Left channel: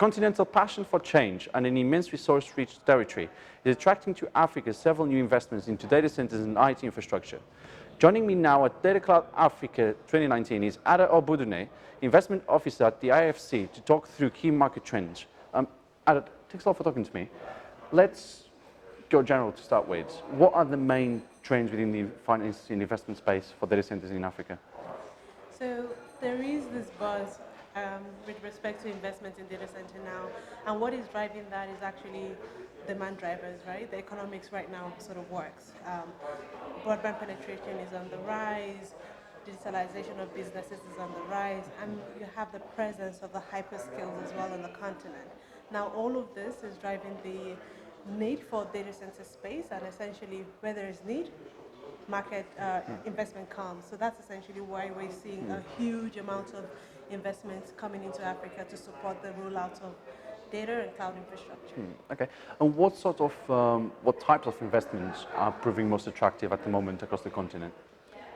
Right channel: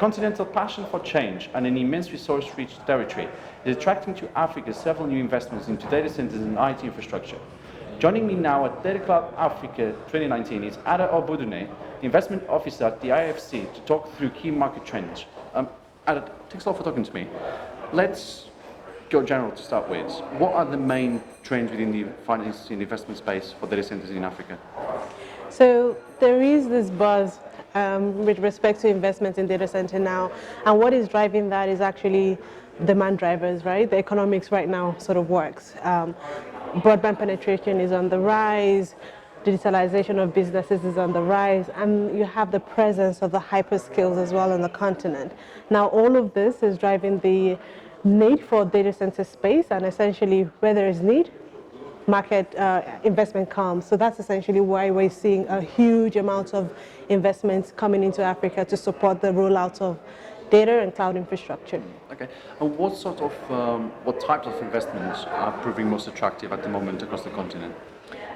continental passion for change and an immense resource-rich territory is attracting to Africa several new investments into data centers and IT infrastructure. Joining me now at Datacloud Africa 2019 is Ogbunude, Investment Officer at the IFC, to talk through key market trends. Ada, thanks a lot for talking to me. Let's go general to start with. What are the main trends within the finance and investment space for data centers in Africa? So there is this buzz with respect to investments in data center now, and what is driving that is actually demand drivers, right? The economics right now sort of works. Broadband penetration is on the rise, digitalization of businesses is on the rise, and you have the presence of the hyperscales as well on the continent. Now all of this is driving the need for data center space, and essentially where there is need, market investment comes. So that's essentially why we're seeing a huge amount of investments coming into Africa to support the rollout of data and cloud infrastructure. Okay, and what types of investments are proving most attractive at the moment across the continent?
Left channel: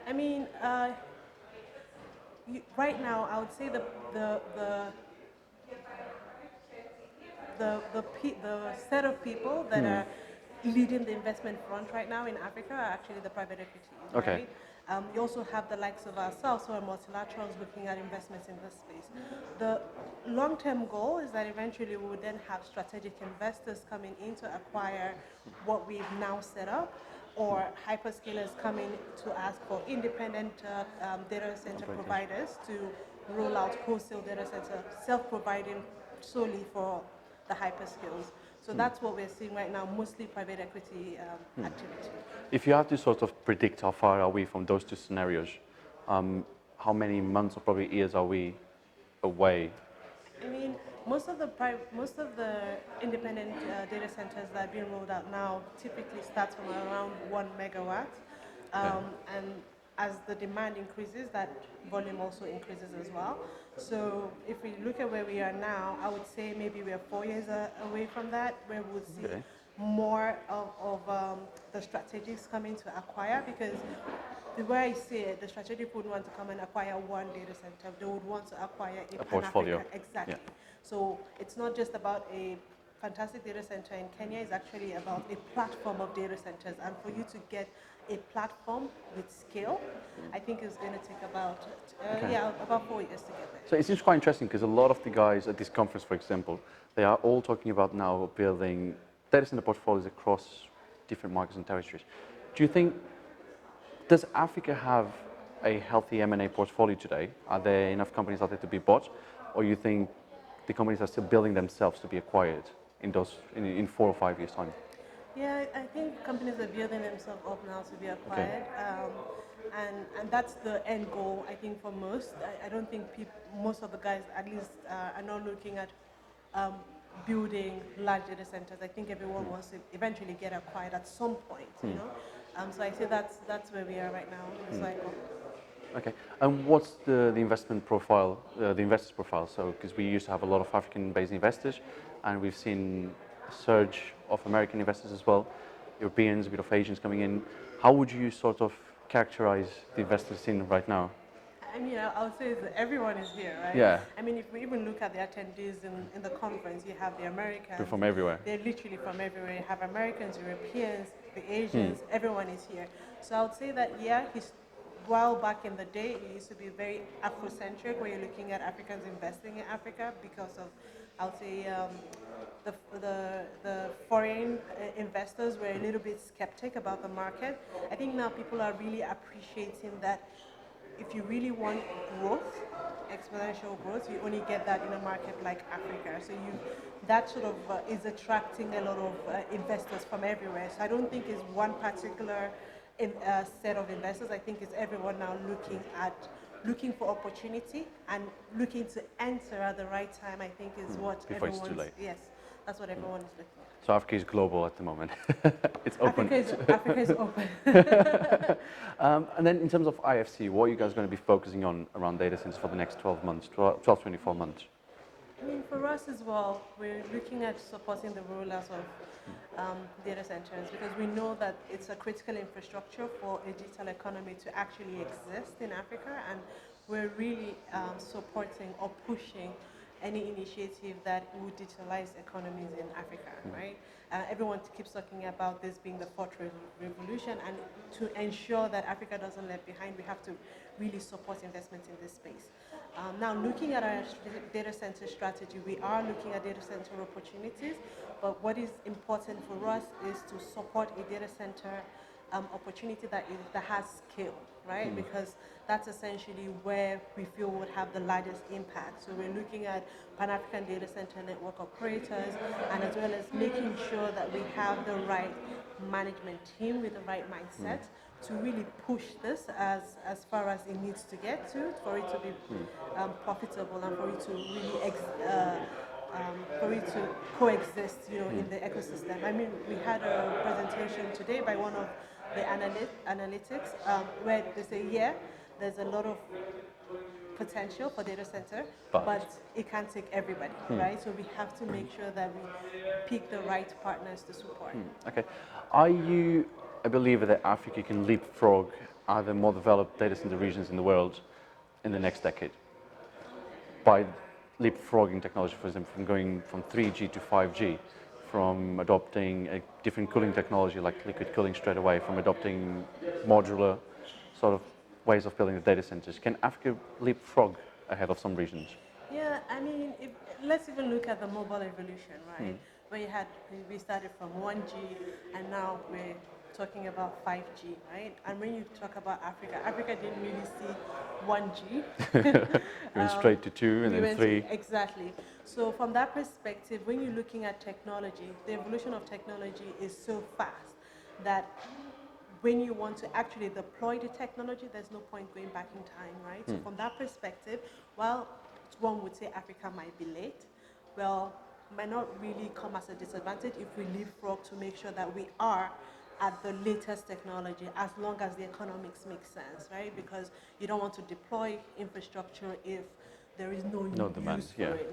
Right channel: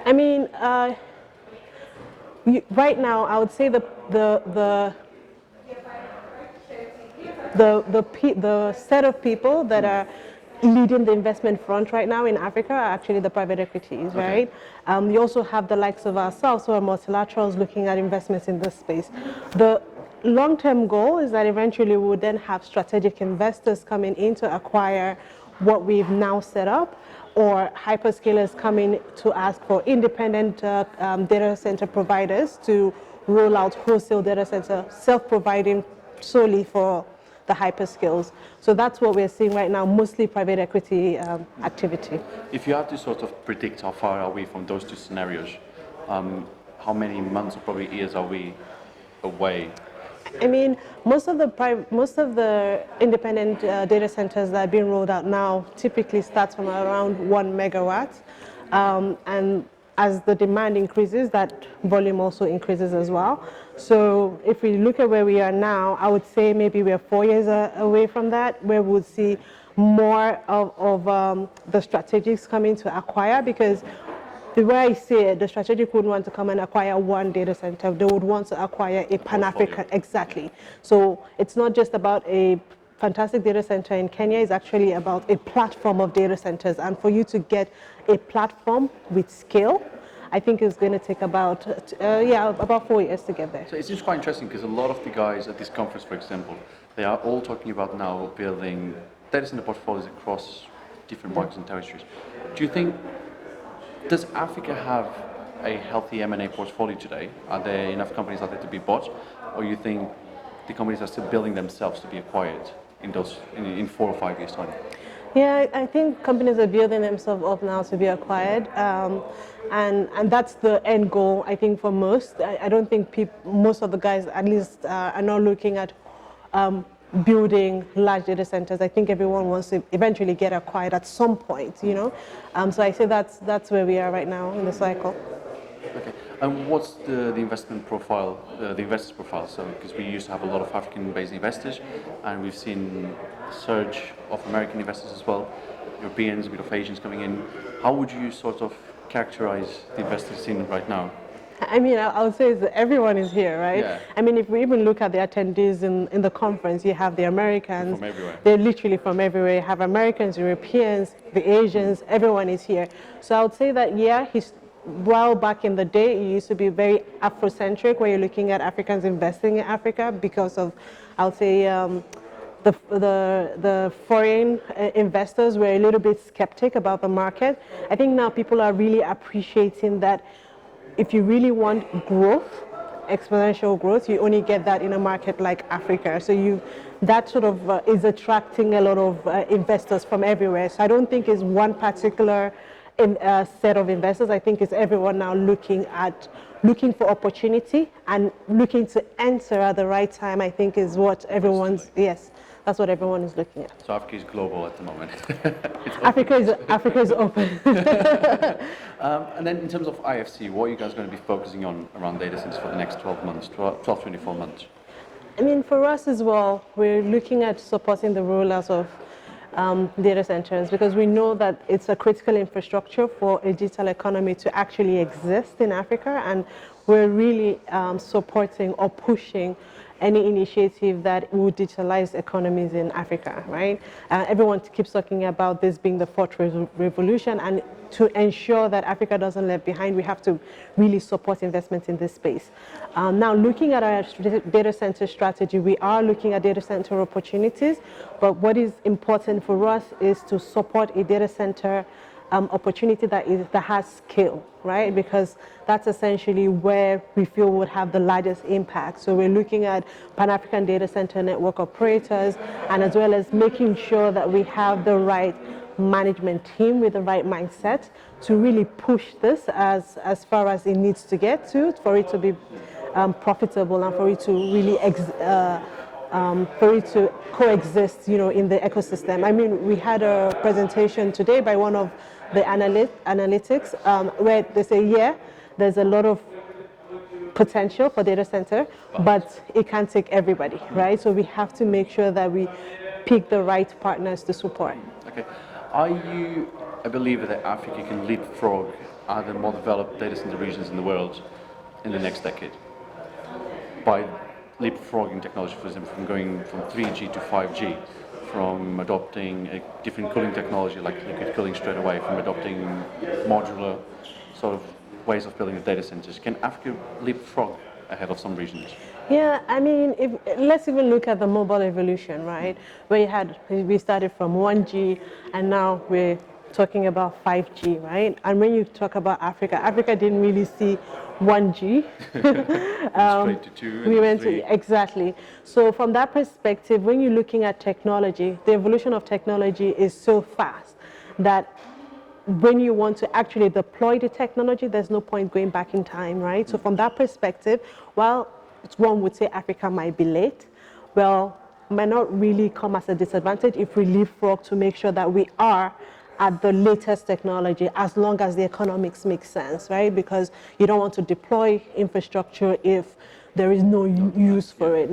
I mean, right now I would say the set of people that are leading the investment front right now in Africa are actually the private equities, right? You also have the likes of ourselves, who are multilaterals looking at investments in this space. The long-term goal is that eventually we would then have strategic investors coming in to acquire what we've now set up, or hyperscalers coming to ask for independent data center providers to roll out wholesale data center, self-providing solely for the hyperscales. So that's what we're seeing right now, mostly private equity activity. If you had to sort of predict how far are we from those two scenarios, how many months or probably years are we away? I mean, most of the independent data centers that are being rolled out now typically start from around 1 megawatt, and as the demand increases, that volume also increases as well. So if we look at where we are now, I would say maybe we're 4 years away from that, where we would see more of the strategics coming to acquire, because the way I see it, the strategic would want to come and acquire one data center. They would want to acquire a Pan-African, exactly. Yeah. So it's not just about a fantastic data center in Kenya, it's actually about a platform of data centers. And for you to get a platform with scale, I think it's going to take about 4 years to get there. So it seems quite interesting, because a lot of the guys at this conference, for example, they are all talking about now building data center portfolios across different markets and territories. Do you think, does Africa have a healthy M&A portfolio today? Are there enough companies out there to be bought? Or you think the companies are still building themselves to be acquired in 4 or 5 years' time? Yeah, I think companies are building themselves up now to be acquired, and that's the end goal, I think, for most. I don't think most of the guys, at least, are not looking at building large data centers. I think everyone wants to eventually get acquired at some point, you know. So I say that's where we are right now in the cycle. Okay, and what's the investment profile, the investors' profile? So, because we used to have a lot of African-based investors, and we've seen a surge of American investors as well, Europeans, a bit of Asians coming in. How would you sort of characterize the investors scene right now? I mean, I would say that everyone is here, right? Yeah. I mean, if we even look at the attendees in the conference, you have the Americans. They're from everywhere. They're literally from everywhere. You have Americans, Europeans, the Asians, everyone is here. So I would say that, yeah, while back in the day, it used to be very Afrocentric, where you're looking at Africans investing in Africa because of, I would say, the foreign investors were a little bit skeptic about the market. I think now people are really appreciating that if you really want growth, exponential growth, you only get that in a market like Africa. So that sort of is attracting a lot of investors from everywhere. So I don't think it's one particular set of investors. I think it's everyone now looking for opportunity and looking to enter at the right time. I think is what yes. That's what everyone is looking at. So Africa is global at the moment. Africa is open. And then in terms of IFC, what are you guys going to be focusing on around data centers for the next 24 months? I mean, for us as well, we're looking at supporting the rollout of data centers, because we know that it's a critical infrastructure for a digital economy to actually exist in Africa, and we're really supporting or pushing any initiative that would digitalize economies in Africa, right? Everyone keeps talking about this being the fourth revolution, and to ensure that Africa doesn't left behind, we have to really support investment in this space. Now, looking at our data center strategy, we are looking at data center opportunities, but what is important for us is to support a data center opportunity that has scale, right? Because that's essentially where we feel would have the largest impact. So we're looking at Pan-African data center network operators, and as well as making sure that we have the right management team with the right mindset to really push this as far as it needs to get to, for it to be profitable and for it to really for it to coexist, in the ecosystem. I mean, we had a presentation today by one of the analytics where they say, yeah, there's a lot of potential for data center, but it can't take everybody, right? So we have to make sure that we pick the right partners to support. Okay. Are you a believer that Africa can leapfrog other more developed data center regions in the world in the next decade? By leapfrogging technology, for example, from going from 3G to 5G, from adopting a different cooling technology like liquid cooling straight away, from adopting modular sort of ways of building the data centers. Can Africa leapfrog ahead of some regions? Yeah, I mean, let's even look at the mobile evolution, right? Where we started from 1G and now we're talking about 5G, right? And when you talk about Africa, Africa didn't really see 1G. Straight to 2 and we went 3. Exactly. So from that perspective, when you're looking at technology, the evolution of technology is so fast that when you want to actually deploy the technology, there's no point going back in time, right? So from that perspective, while one would say Africa might be late, well, might not really come as a disadvantage if we leapfrog to make sure that we are at the latest technology, as long as the economics make sense, right? Because you don't want to deploy infrastructure if there is no use for it.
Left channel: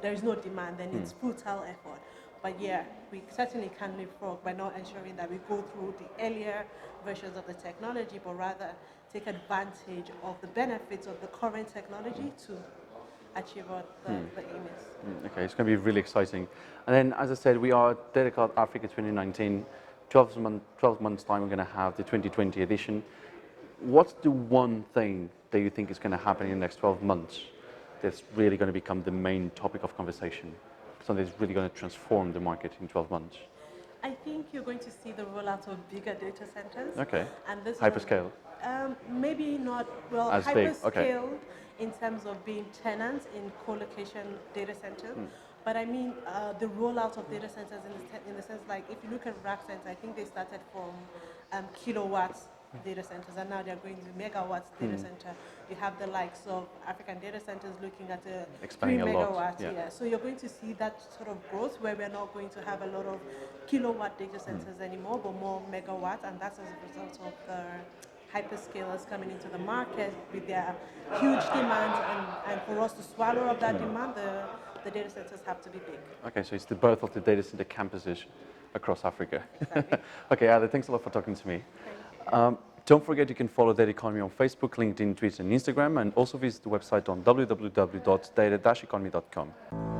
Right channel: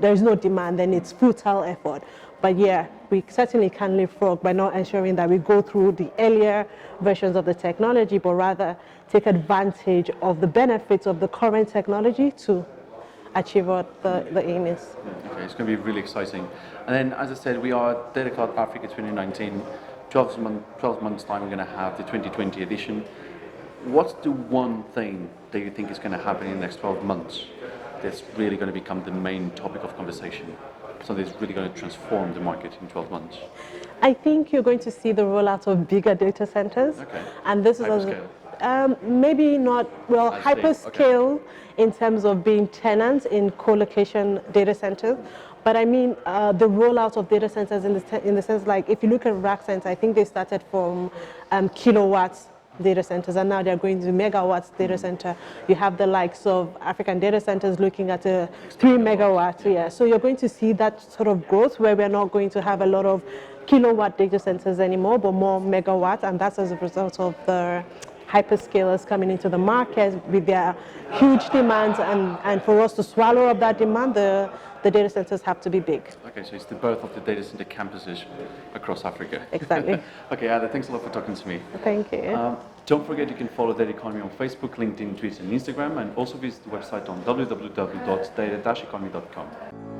There is no demand, then it's futile effort. But yeah, we certainly can leapfrog by not ensuring that we go through the earlier versions of the technology, but rather take advantage of the benefits of the current technology to achieve what the aim is. Okay, it's going to be really exciting. And then, as I said, we are at Datacloud Africa 2019. 12 months time, we're going to have the 2020 edition. What's the one thing that you think is going to happen in the next 12 months that's really going to become the main topic of conversation? Something that's really going to transform the market in 12 months? I think you're going to see the rollout of bigger data centers. Okay. And this hyperscale. Maybe not, well, As hyperscale okay. in terms of being tenants in co-location data centers. But I mean, the rollout of data centers in the sense, like, if you look at rack centers, I think they started from kilowatts data centers, and now they're going to megawatts data center. You have the likes of African data centers looking at a 3 megawatts. Yeah. So you're going to see that sort of growth where we're not going to have a lot of kilowatt data centers anymore, but more megawatts, and that's as a result of the hyperscalers coming into the market with their huge demands, and for us to swallow up that demand, the data centers have to be big. Okay, so it's the birth of the data center campuses across Africa. Exactly. Okay, Ada, thanks a lot for talking to me. Thank you. Don't forget you can follow Data Economy on Facebook, LinkedIn, Twitter, and Instagram, and also visit the website on www.data-economy.com.